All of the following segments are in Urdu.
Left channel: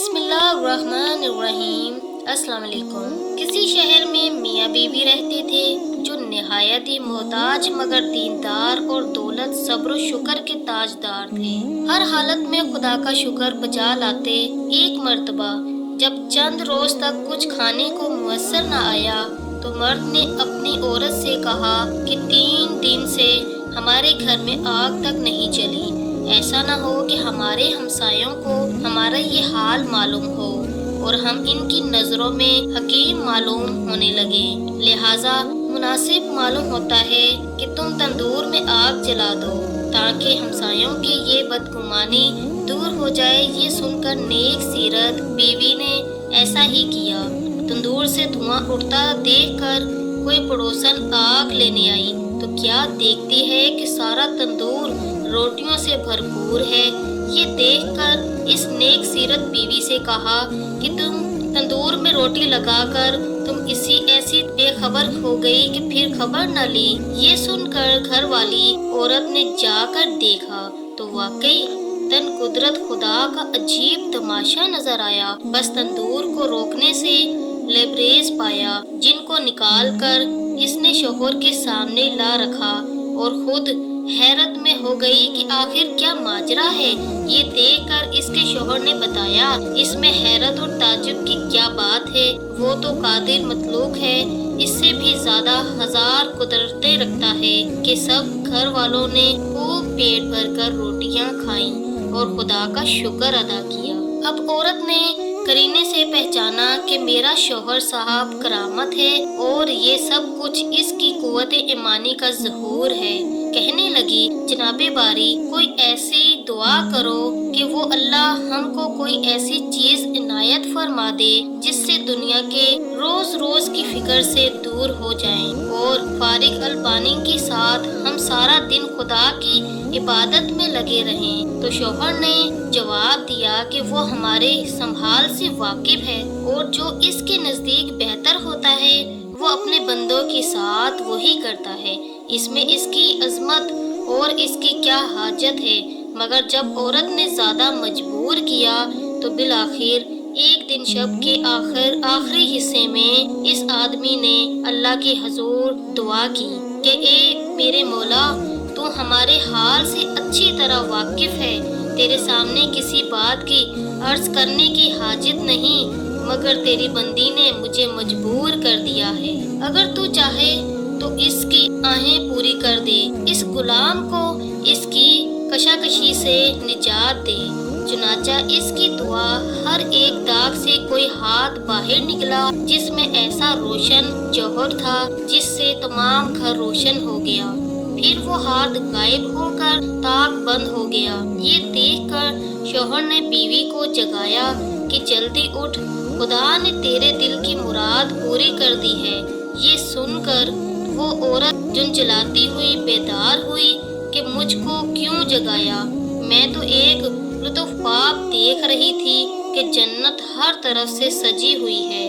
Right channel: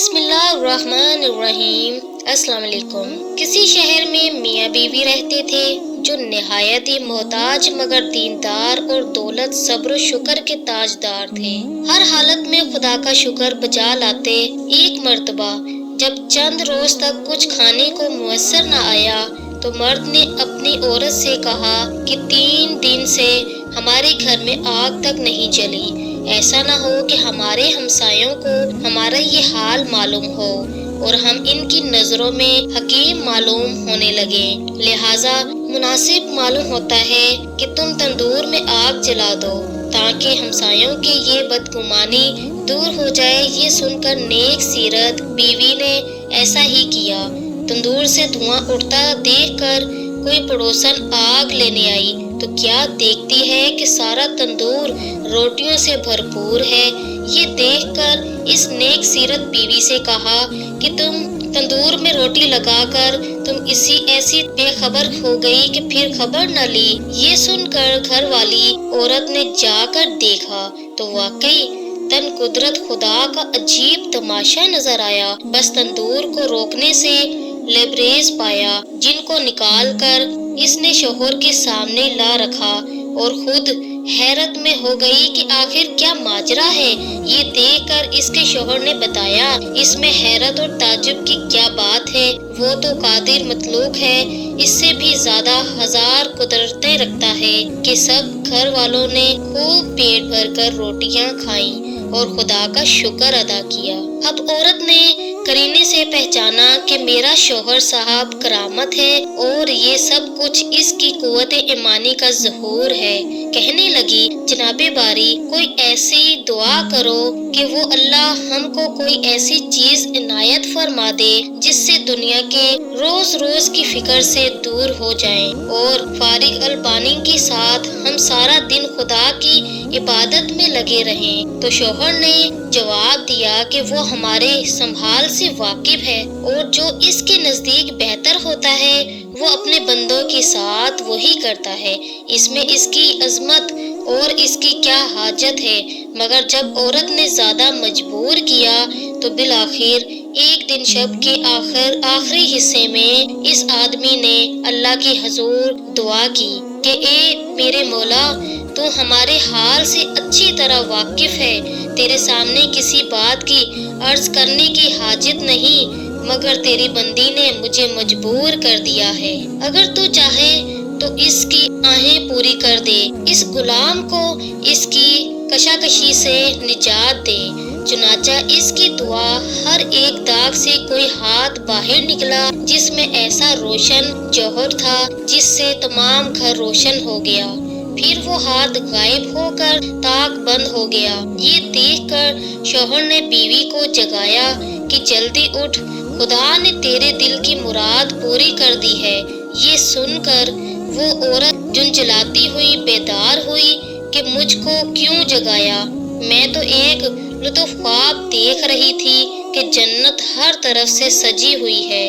بسم اللہ الرحمن الرحیم۔ السلام علیکم۔ کسی شہر میں میاں بیوی رہتے تھے جو نہایت ہی محتاج مگر دیندار اور دولت صبر و شکر کے تاجدار تھے۔ ہر حالت میں خدا کا شکر بجا لاتے۔ ایک مرتبہ جب چند روز تک کچھ کھانے کو میسر نہ آیا تو مرد نے اپنی عورت سے کہا کہ 3 دن سے ہمارے گھر میں آگ تک نہیں جلی، ایسا نہ ہو کہ ہمارے ہمسایوں کو ہمارا یہ حال معلوم ہو اور ہم ان کی نظروں میں حکیم معلوم ہونے لگے، لہٰذا مناسب معلوم ہوتا ہے کہ تم تندور میں آگ جلا دو تاکہ ہمسایوں کی یہ بدگمانی دور ہو جائے۔ یہ سن کر نیک سیرت بیوی نے ایسا ہی کیا۔ تندور سے دھواں اٹھتا دیکھ کر کوئی پڑوسن آگ لینے آئی تو کیا دیکھتی ہے کہ سارا تندور روٹیوں سے بھرپور ہے۔ یہ دیکھ کر اس نیک سیرت بیوی سے کہا کہ تم تندور میں روٹی لگا کر تم ایسی بے خبر ہو گئی کہ پھر خبر نہ لی۔ یہ سن کر گھر والی عورت نے جا کر دیکھا تو واقعی تن قدرت خدا کا عجیب تماشا نظر آیا۔ بس تندور کو روکنے سے لبریز پایا، جن کو نکال کر اس نے شوہر کے سامنے لا رکھا اور خود حیرت میں ہو گئی کہ آخر کیا ماجرا ہے۔ یہ دیکھ کر اس کے شوہر نے بتایا، اس میں حیرت اور تعجب کی کیا بات ہے، وہ تو قادر مخلوق ہے، اس سے بھی زیادہ ہزار قدرتیں رکھتا ہے کہ سب گھر والوں نے خوب پیٹ بھر کر روٹیاں کھائیں اور خدا کا شکر ادا کیا۔ اب عورت نے قرینے سے پہچانا کہ میرا شوہر صاحب کرامت ہے اور یہ سب کچھ اس کی قوت ایمانی کا ظہور ہے۔ کہنے لگی، جناب باری، کوئی ایسی دعا کرو کہ وہ اللہ ہم کو کوئی ایسی چیز عنایت فرما دے جس سے دنیا کے روز روز کی فکر سے دور ہو جائیں اور فارغ البانی کے ساتھ ہم سارا دن خدا کی عبادت میں لگے رہیں۔ تو شوہر نے جواب دیا کہ وہ ہمارے سنبھال سے واقف ہے اور جو اس کے نزدیک بہتر ہوتا ہے وہ اپنے بندوں کے ساتھ وہی کرتا ہے، اس میں اس کی عظمت اور اس کی کیا حاجت ہے۔ مگر جب عورت نے زیادہ مجبور کیا تو بالآخر ایک دن شب کے آخری حصے میں اس آدمی نے اللہ کے حضور دعا کی کہ اے میرے مولا، تو ہمارے حال سے اچھی طرح واقف ہے، تیرے سامنے کسی بات کی عرض کرنے کی حاجت نہیں، مگر تیری بندی نے مجھے مجبور کر دیا ہے۔ اگر تو چاہے تو اس کی آہیں پوری کر دے، اس غلام کو اس کی کشاکشی سے نجات دے۔ چنانچہ اس کی دعا ہر ایک داغ سے کوئی ہاتھ باہر نکلا جس میں ایسا روشن جوہر تھا جس سے تمام گھر روشن ہو گیا، پھر وہ ہاتھ غائب ہو کر طاق بند ہو گیا۔ یہ دیکھ کر شوہر نے بیوی کو جگایا کہ جلدی اٹھ، خدا نے تیرے دل کی مراد پوری کر دی ہے۔ یہ سن کر وہ عورت جھنجھلاتی ہوئی بیدار ہوئی کہ مجھ کو کیوں جگایا، میں تو ایک لطف خواب دیکھ رہی تھی کہ جنت ہر طرف سے سجی ہوئی ہے،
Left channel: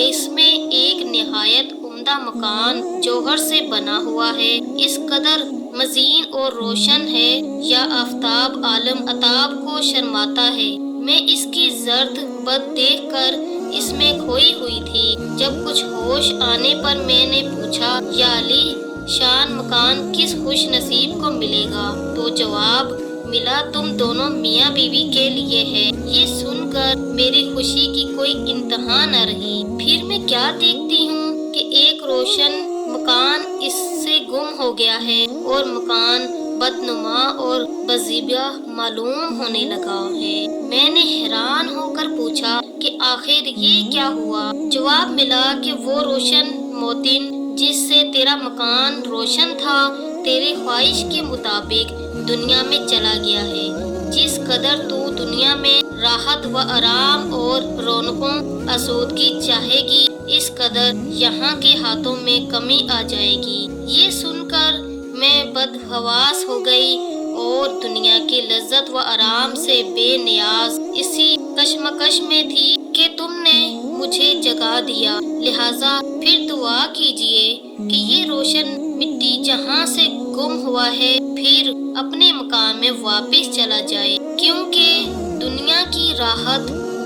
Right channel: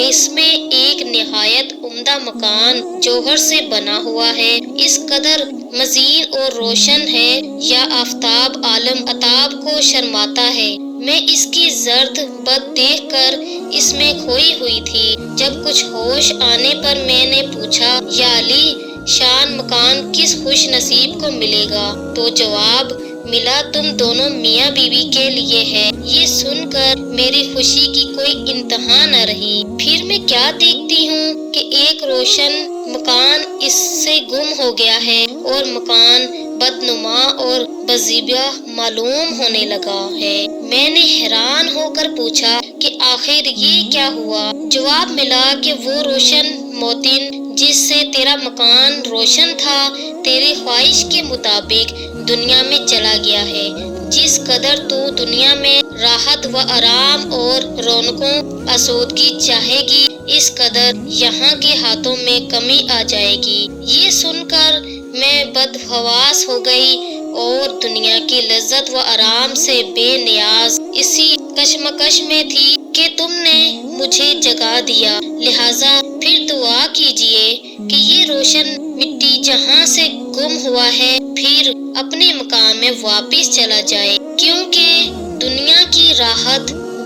اس میں ایک نہایت عمدہ مکان جوہر سے بنا ہوا ہے، اس قدر مزین اور روشن ہے یا آفتاب عالم آتاب کو شرماتا ہے۔ میں اس کی زرد بد دیکھ کر اس میں کھوئی ہوئی تھی۔ جب کچھ ہوش آنے پر میں نے پوچھا، یا علی شان مکان کس خوش نصیب کو ملے گا؟ تو جواب ملا، تم دونوں میاں بیوی کے لیے ہے۔ یہ سن کر میری خوشی کی کوئی انتہا نہ رہی۔ پھر میں کیا دیکھتی ہوں کہ ایک روشن مکان اس سے گم ہو گیا ہے اور مکان بدنما اور بزیبا معلوم ہونے لگا ہے۔ میں نے حیران ہو کر پوچھا کہ آخر یہ کیا ہوا؟ جواب ملا کہ وہ روشن موتن جس سے تیرا مکان روشن تھا، تیری خواہش کے مطابق دنیا میں چلا گیا ہے۔ جس قدر تو دنیا میں راحت و آرام اور رونقوں آسودگی چاہے گی، اس قدر یہاں کے ہاتھوں میں کمی آ جائے گی۔ یہ سن کر میں بدحواس ہو گئی اور دنیا کی لذت و آرام سے بے نیاز اسی کشمکش میں تھی کہ تم نے مجھے جگا دیا، لہٰذا پھر دعا کیجیے کہ یہ روشن مٹی جہاں سے گم ہوا ہے پھر اپنے مقام میں واپس چلا جائے، کیونکہ دنیا کی راحت